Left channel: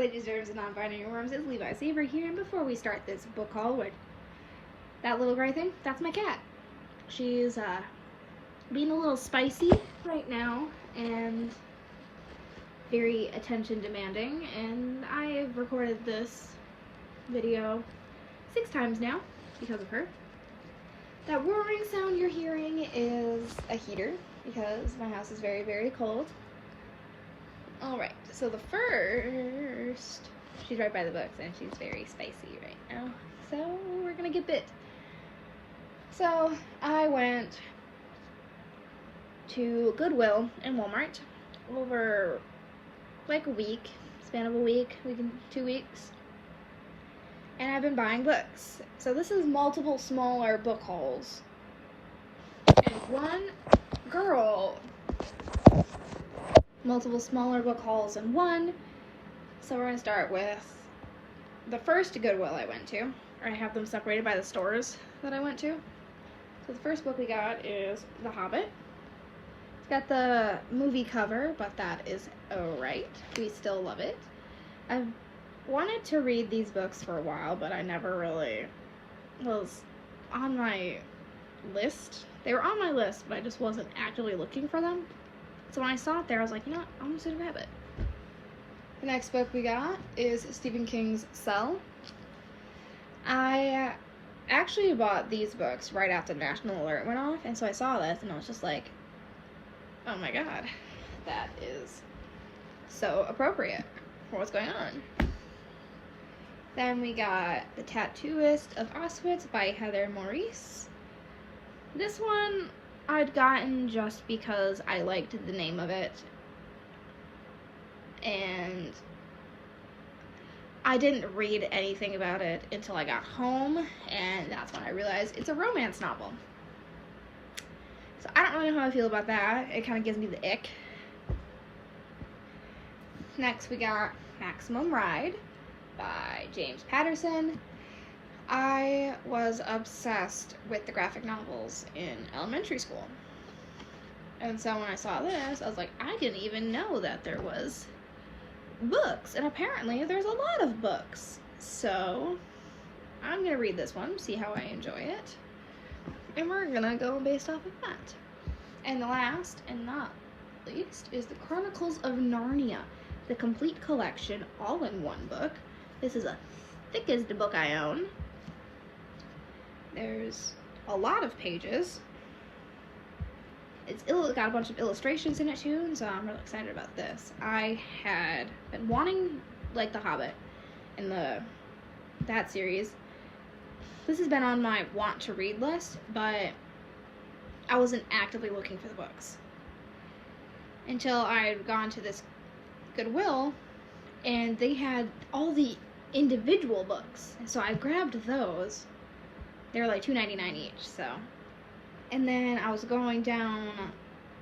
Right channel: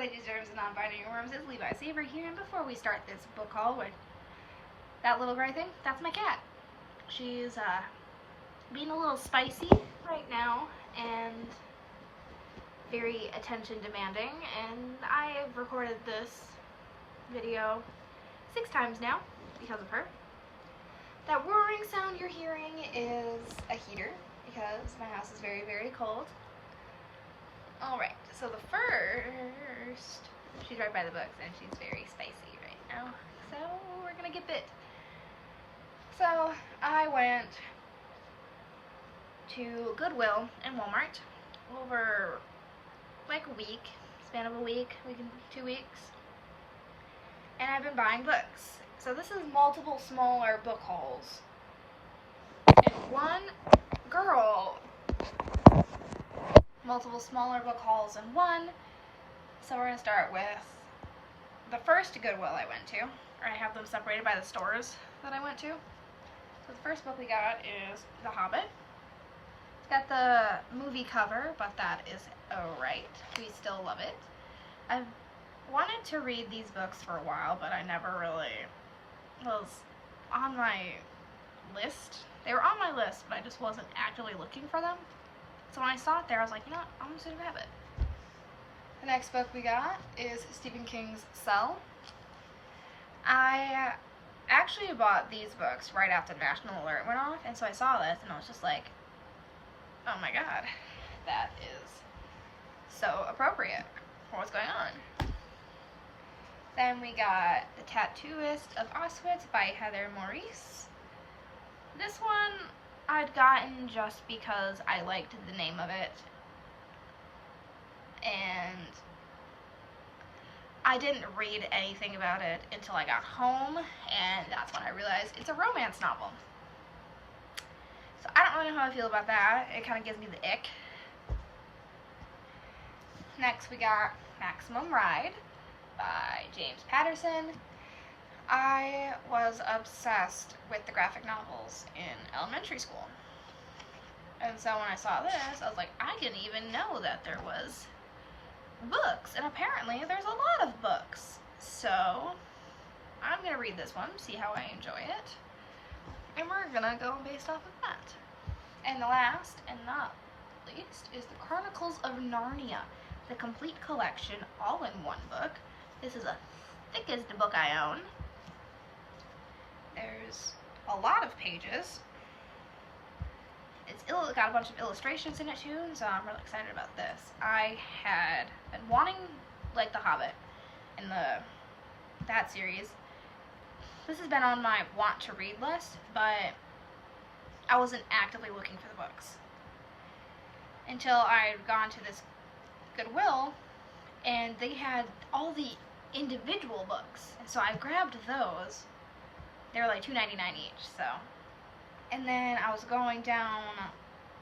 ladies, germs, and non-binary worms, it's Levi Saber here, and before we start this book haul with that little gray thing, that's my cat. She's being a little spicy right now and very attention demanding, and I have recorded this video 6 times now because of her. That whirring sound you're hearing is a heater because my house is very, very cold. Alright, so the first, she's right by the books and she's very spicy right now, so we're gonna get bit. So I went to Goodwill and Walmart over like a week, span of a week and 2 weeks, and I've been buying books. So this is multiple smaller book hauls and multiple smaller book hauls in one. So we're gonna start with the first Goodwill I went to, or I have them separated by the stores that I went to. So the first book we got is The Hobbit. It's got the movie cover, but that is alright. We still love it. I've wanted to read these books for a while, but I never really was on my list. They were on my list, but I just wasn't actively looking for them. So when I saw it there, I was like, you know what, I'm just gonna grab it. The next book we got is Stephen King's Cell. I actually bought these books right after National Alert went off, and so I saw this and I was just like, oh my god, that is so appropriate for what's going on. Then we got The Tattooist of Auschwitz by Heather Maurice. This one I'd gotten just because I liked the name of it, and I didn't read anything about it until I got home, and that's when I realized it's a romance novel. So I don't really know how I feel about that. It kind of gives me the ick. Next we got Maximum Ride by James Patterson. I was obsessed with the graphic novels in elementary school. And so when I saw this, I was like, I didn't even know that there was books. And apparently there's a lot of books. So I'm going to read this one, see how I enjoy it. And we're going to go based off of that. And the last and not least is The Chronicles of Narnia, the complete collection, all in one book. This is the thickest book I own. There's a lot of pages. It's got a bunch of illustrations in it too, and so I'm really excited about this. I had been wanting like The Hobbit and that series. This has been on my want to read list, but I wasn't actively looking for the books until I'd gone to this Goodwill and they had all the individual books, and so I grabbed those. They were like $2.99 each, so. And then I was going down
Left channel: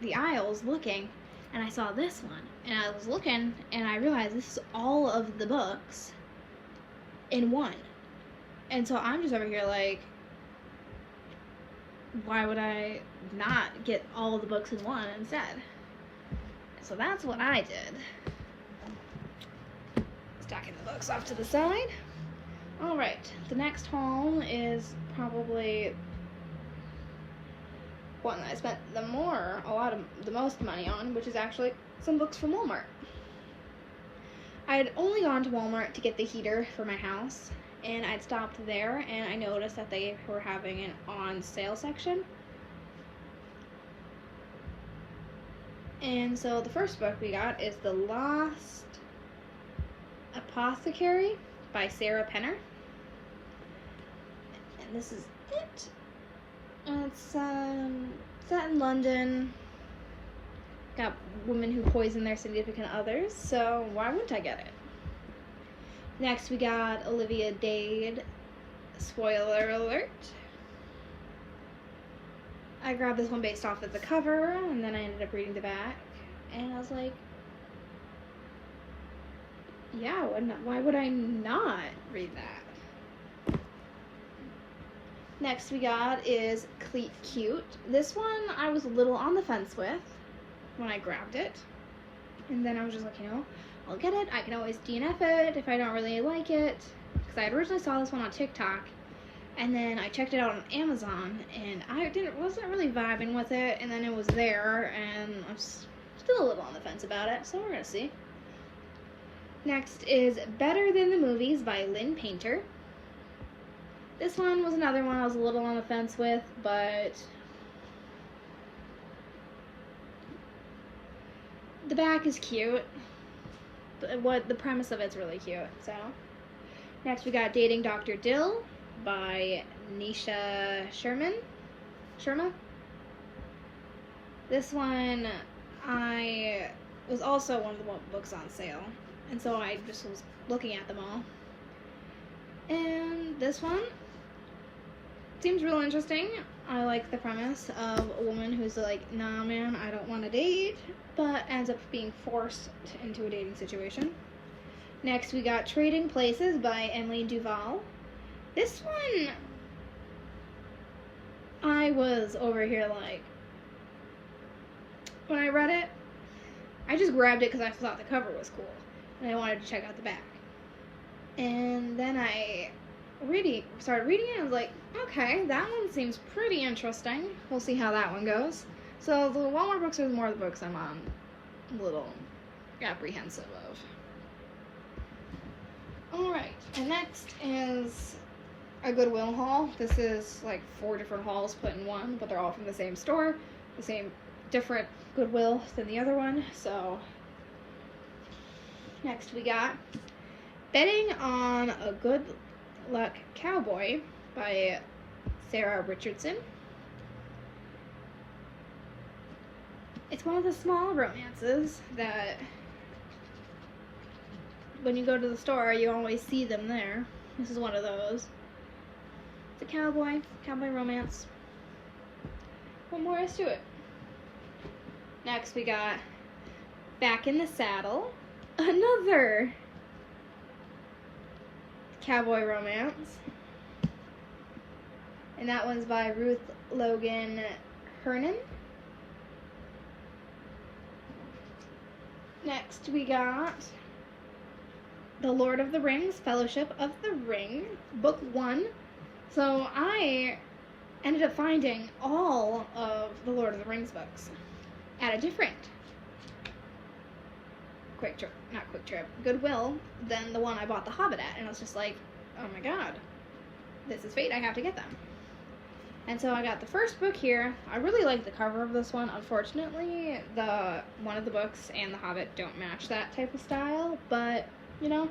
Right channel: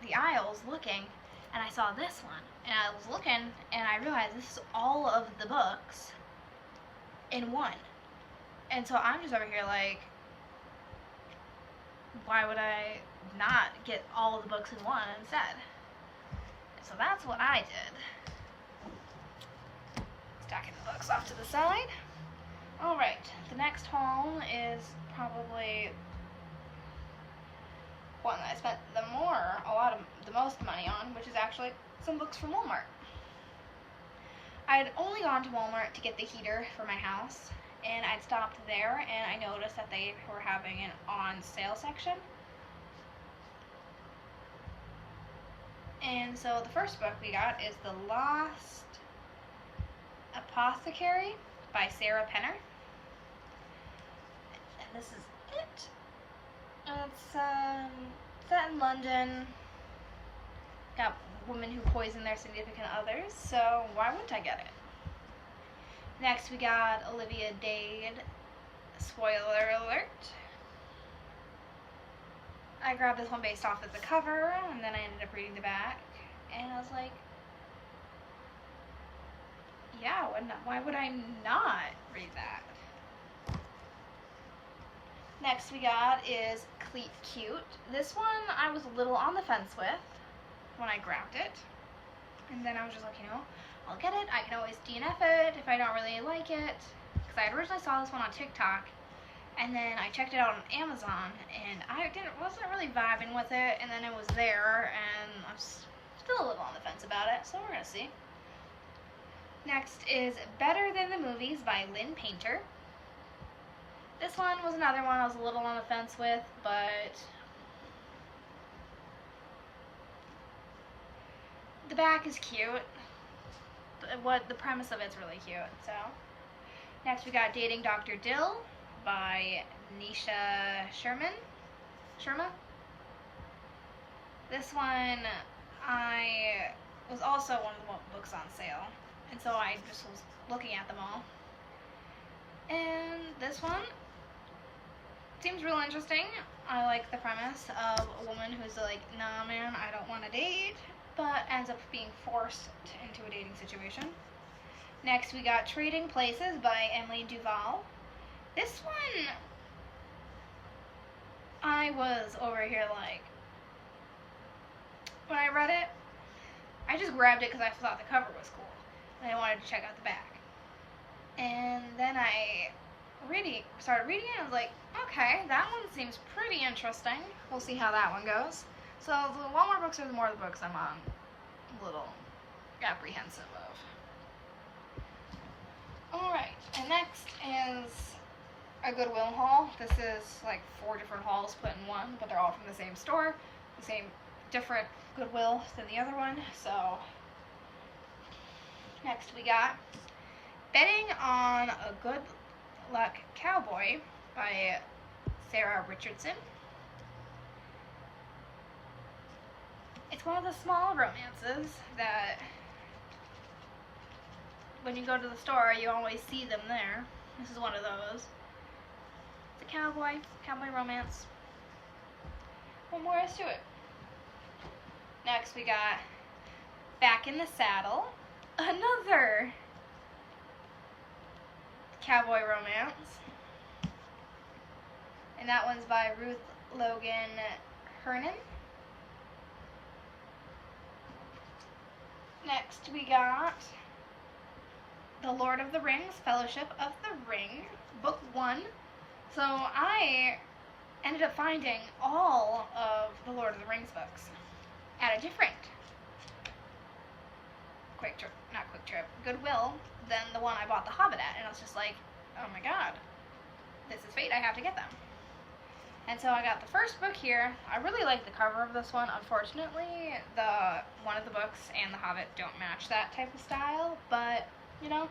the aisles looking, and I saw this one. And I was looking, and I realized this is all of the books in one. And so I'm just over here like, why would I not get all of the books in one instead? So that's what I did. Stacking the books off to the side. Alright, the next haul is probably one that I spent the most money on, which is actually some books from Walmart. I had only gone to Walmart to get the heater for my house, and I'd stopped there and I noticed that they were having an on sale section. And so the first book we got is The Lost Apothecary by Sarah Penner. And this is it. It's set in London. Got women who poison their significant others, so why wouldn't I get it? Next we got Olivia Dade, Spoiler Alert. I grabbed this one based off of the cover, and then I ended up reading the back, and I was like, yeah, why would I not read that? Next we got is Cleat Cute. This one I was a little on the fence with when I grabbed it. And then I was just like, you know, I'll get it. I can always DNF it if I don't really like it. Because I originally saw this one on TikTok, and then I checked it out on Amazon, and I wasn't really vibing with it, and then it was there, and I'm still a little on the fence about it, so we're gonna see. Next is Better Than the Movies by Lynn Painter. This one was another one I was a little on the fence with, but the back is cute. The premise of it's really cute. So next we got Dating Dr. Dill by Nisha Sharma. This one was also one of the books on sale, and so I just was looking at them all. And this one seems real interesting. I like the premise of a woman who's like, nah man, I don't want to date, but ends up being forced into a dating situation. Next we got Trading Places by Emily Duval. This one, I was over here like, when I read it, I just grabbed it because I thought the cover was cool, and I wanted to check out the back. And then I started reading it, and I was like, okay, that one seems pretty interesting. We'll see how that one goes. So the Walmart books are more of the books I'm on a little apprehensive of. Alright, and next is a Goodwill haul. This is like 4 different hauls put in one, but they're all from the same store, the same different Goodwill than the other one. So next we got Betting on a Good Luck Cowboy by Sarah Richardson. It's one of the small romances that when you go to the store, you always see them there. This is one of those. It's a cowboy romance. What more is to it? Next we got Back in the Saddle, another cowboy romance. And that one's by Ruth Logan Hernan. Next we got The Lord of the Rings, Fellowship of the Ring, Book 1. So I ended up finding all of the Lord of the Rings books at a different Goodwill than the one I bought The Hobbit at. And I was just like, oh my god, this is fate, I have to get them. And so I got the first book here. I really like the cover of this one. Unfortunately, one of the books and The Hobbit don't match that type of style, but, you know,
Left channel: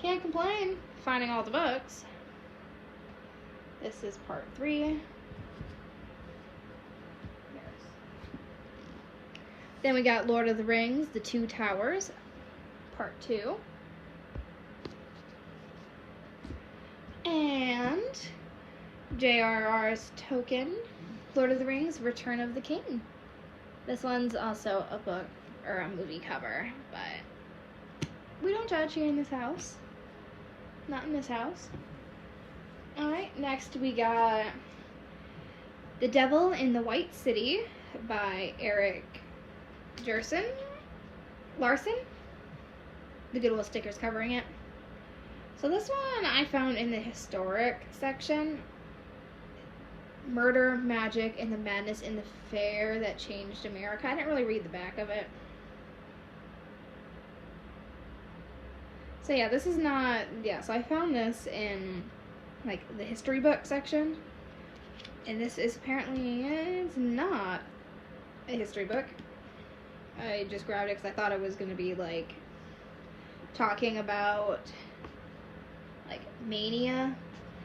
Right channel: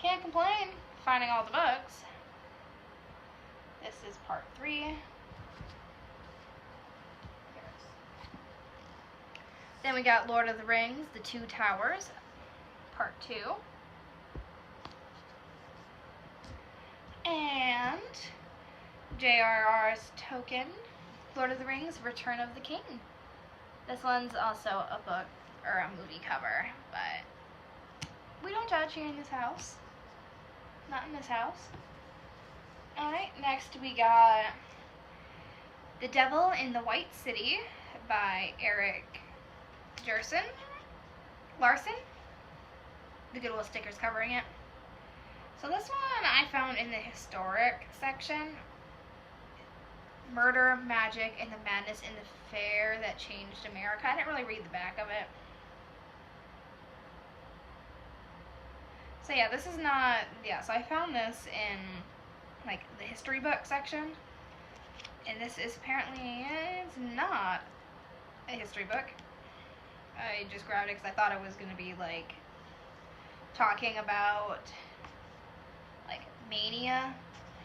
can't complain finding all the books. This is part 3. Then we got Lord of the Rings, The Two Towers, part 2. And J.R.R.'s Tolkien, Lord of the Rings, Return of the King. This one's also a book, or a movie cover, but we don't judge here in this house. Not in this house. Alright, next we got The Devil in the White City by Eric Larson. The Goodwill stickers covering it. So this one I found in the historic section. Murder, Magic, and the Madness in the Fair That Changed America. I didn't really read the back of it. So yeah, this is not, so I found this in like the history book section. And this is apparently, it's not a history book. I just grabbed it because I thought it was going to be like talking about like mania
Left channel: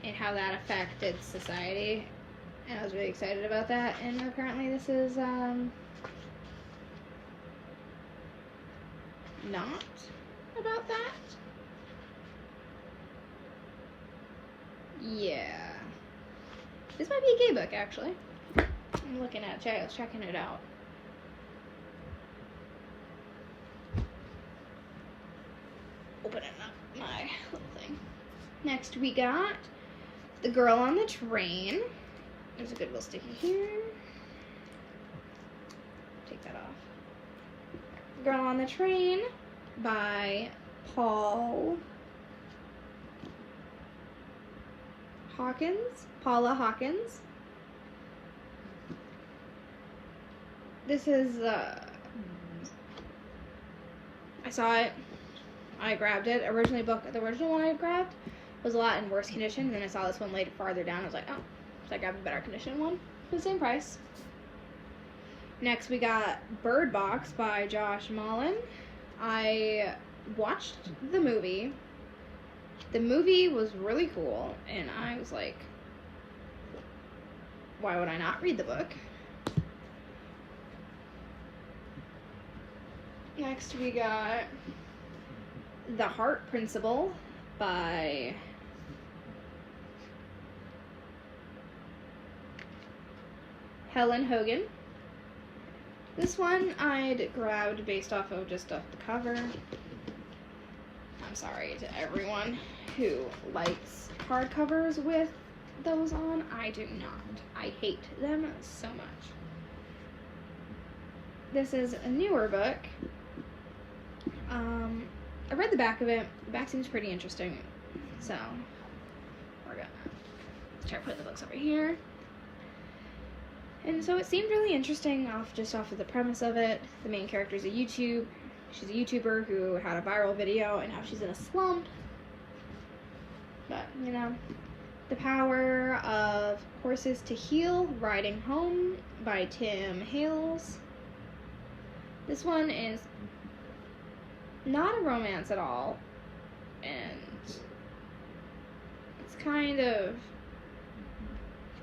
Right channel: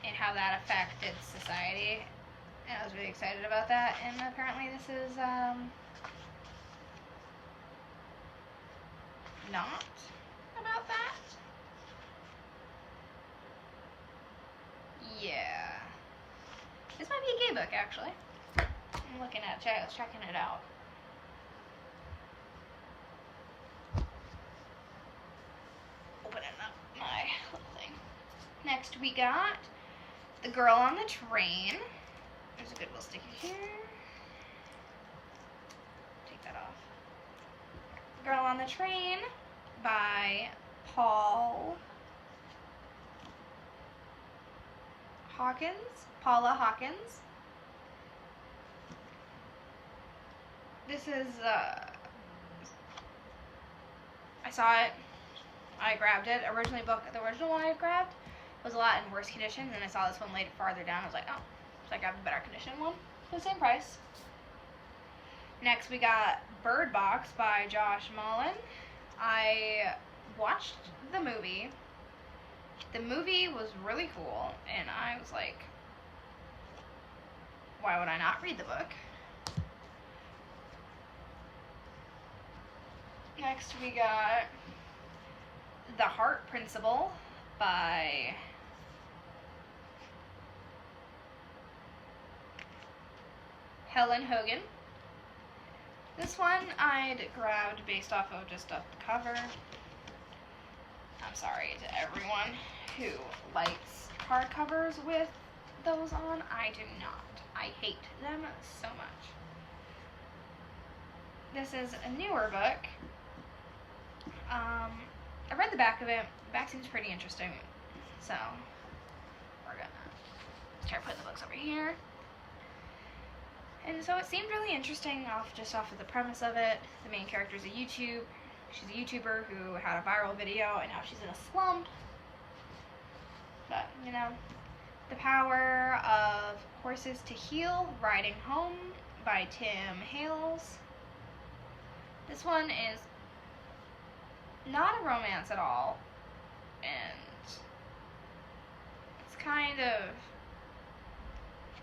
and how that affected society. And I was really excited about that. And apparently this is not about that. Yeah. This might be a gay book, actually. I'm looking at it. I was checking it out. Opening up my little thing. Next we got The Girl on the Train. There's a Goodwill sticker here. Take that off. The Girl on the Train by Paula Hawkins. This is, I saw it, I grabbed it. The original one I grabbed was a lot in worse condition, and then I saw this one later farther down. I was like, oh, so I grabbed a better condition one for the same price. Next, we got Bird Box by Josh Malin. I watched the movie. The movie was really cool, and I was like, why would I not read the book? Next, we got The Heart Principle by Helen Hogan. This one I'd grabbed based off of just off the cover. I'm sorry to everyone who likes hardcovers with those on. I do not. I hate them so much. This is a newer book. I read the back of it. The back seems pretty interesting. So, we're gonna start putting the books over here. And so it seemed really interesting off of the premise of it. The main character is she's a YouTuber who had a viral video and now she's in a slump. But, you know, The Power of Horses to Heal, Riding Home by Tim Hales. This one is not a romance at all, and it's kind of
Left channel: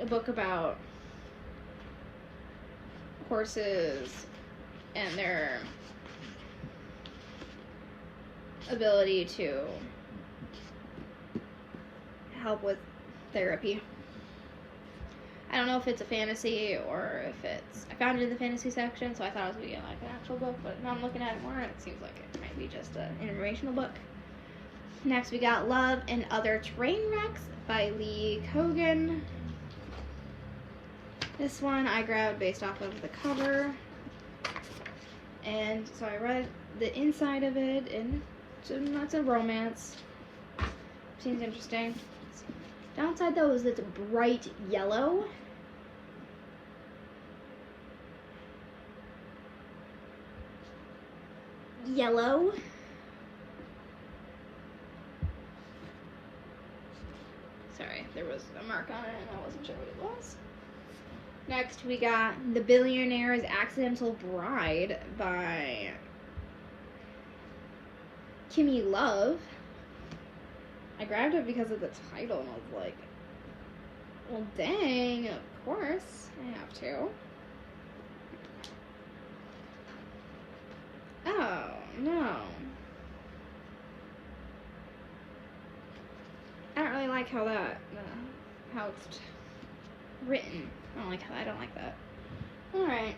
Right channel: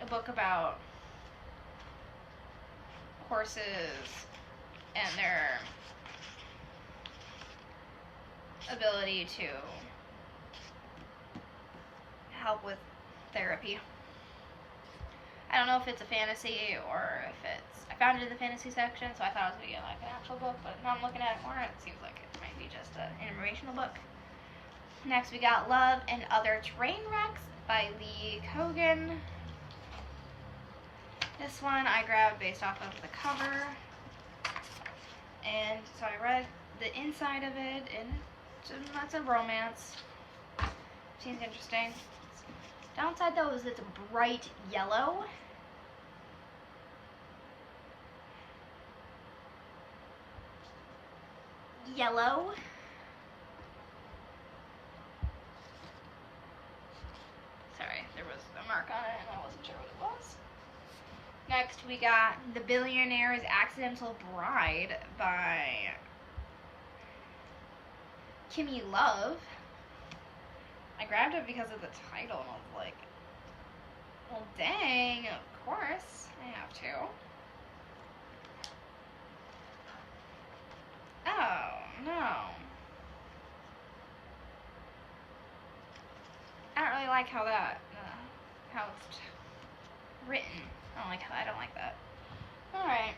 a book about horses and their ability to help with therapy. I don't know if it's a fantasy or if it's... I found it in the fantasy section, so I thought it was going to be like an actual book, but now I'm looking at it more, it seems like it might be just an informational book. Next, we got Love and Other Train Wrecks by Lee Kogan. This one I grabbed based off of the cover, and so I read the inside of it, and it's a romance. Seems interesting. Downside though is it's bright yellow. Sorry, there was a mark on it and I wasn't sure what it was. Next we got The Billionaire's Accidental Bride by Kimmy Love. I grabbed it because of the title and I was like, well dang, of course I have to. Oh, no. I don't really like how how it's written. I don't like that. Alright.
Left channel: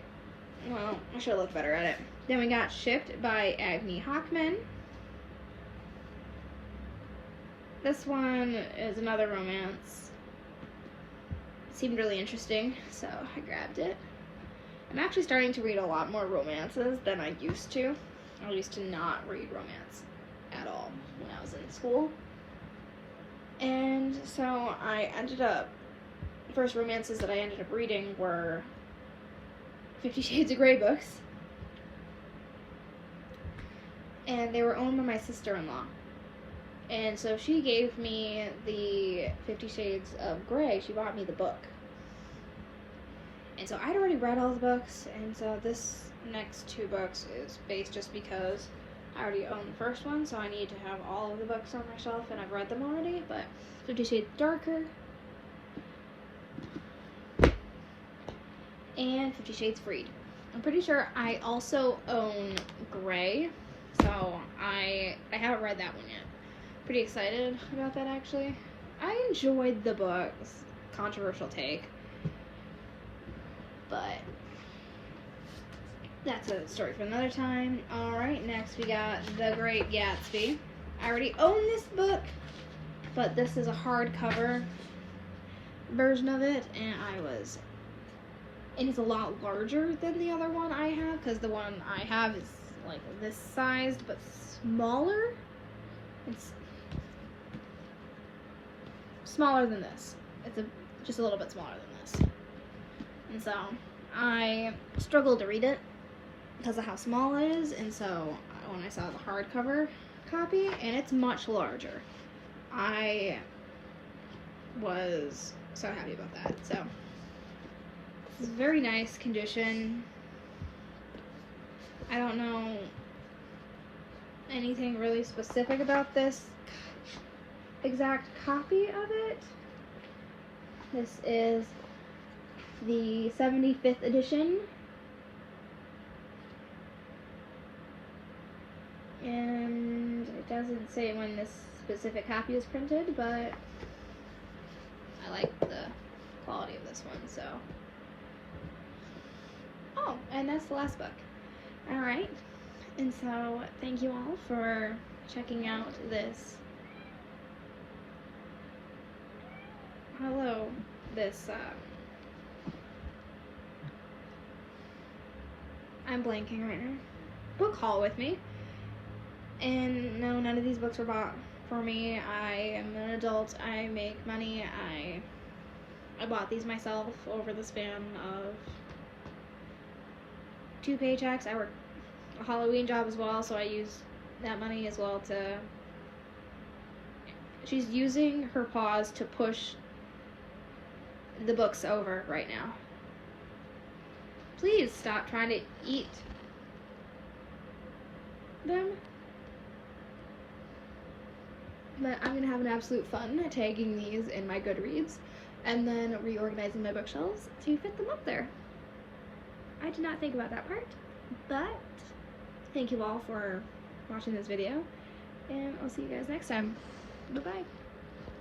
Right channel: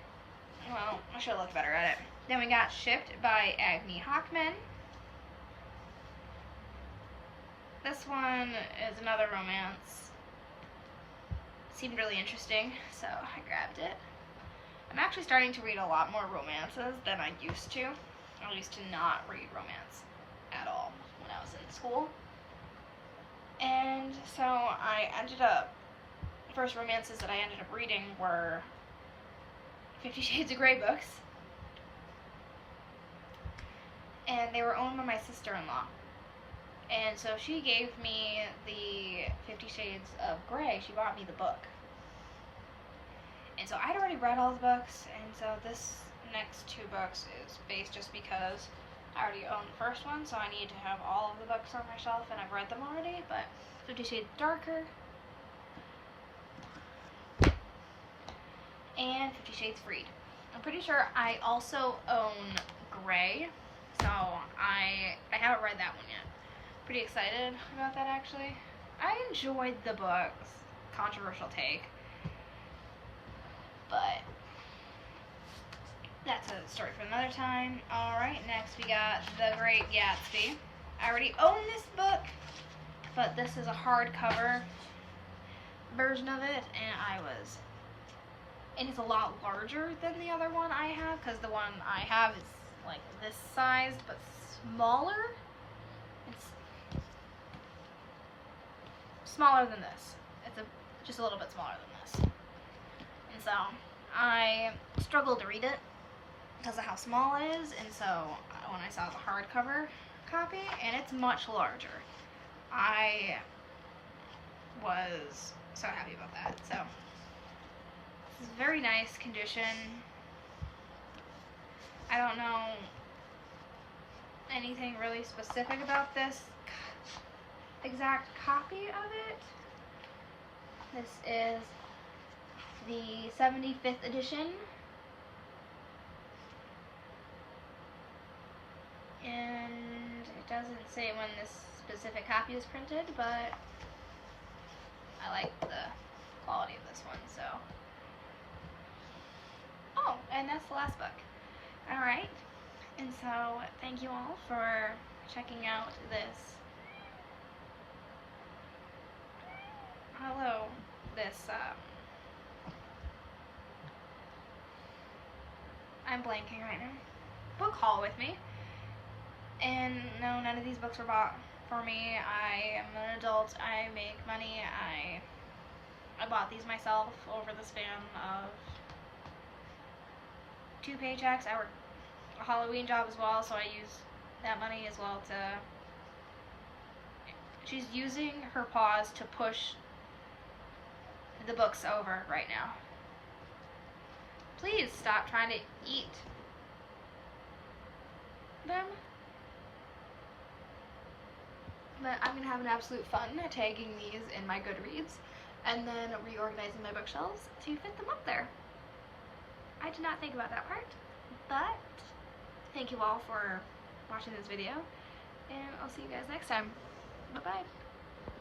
Well, I should have looked better at it. Then we got Shipped by Agni Hockman. This one is another romance. It seemed really interesting, so I grabbed it. I'm actually starting to read a lot more romances than I used to. I used to not read romance at all when I was in school. And so I ended up, the first romances that I ended up reading were 50 Shades of Grey books. And they were owned by my sister-in-law. And so she gave me the 50 Shades of Grey. She bought me the book. And so I'd already read all the books, and so this next two books is based just because I already own the first one, so I need to have all of the books on my shelf, and I've read them already, but 50 Shades Darker and 50 Shades Freed. I'm pretty sure I also own Grey, so I haven't read that one yet. Pretty excited about that, actually. I enjoyed the books. Controversial take. But that's a story for another time. Alright, next we got The Great Gatsby. I already own this book, but this is a hardcover version of it, and it's a lot larger than the other one I have, because the one I have is like this sized but smaller. It's smaller than this. It's just a little bit smaller than this. And so I struggled to read it because of how small it is, and so when I saw the hardcover copy, and it's much larger, I was so happy about that. So it's very nice condition. I don't know anything really specific about this exact copy of it. This is the 75th edition. And it doesn't say when this specific copy was printed, but I like the quality of this one, so. Oh, and that's the last book. Alright, and so thank you all for checking out this I'm blanking right now, book haul with me. And no, none of these books were bought for me. I am an adult, I make money, I bought these myself over the span of 2 paychecks. I work a Halloween job as well, so I use that money as well to. She's using her paws to push the books over right now. Please stop trying to eat them. But I'm gonna have an absolute fun tagging these in my Goodreads and then reorganizing my bookshelves to fit them up there. I did not think about that part, but thank you all for watching this video, and I'll see you guys next time. Bye-bye.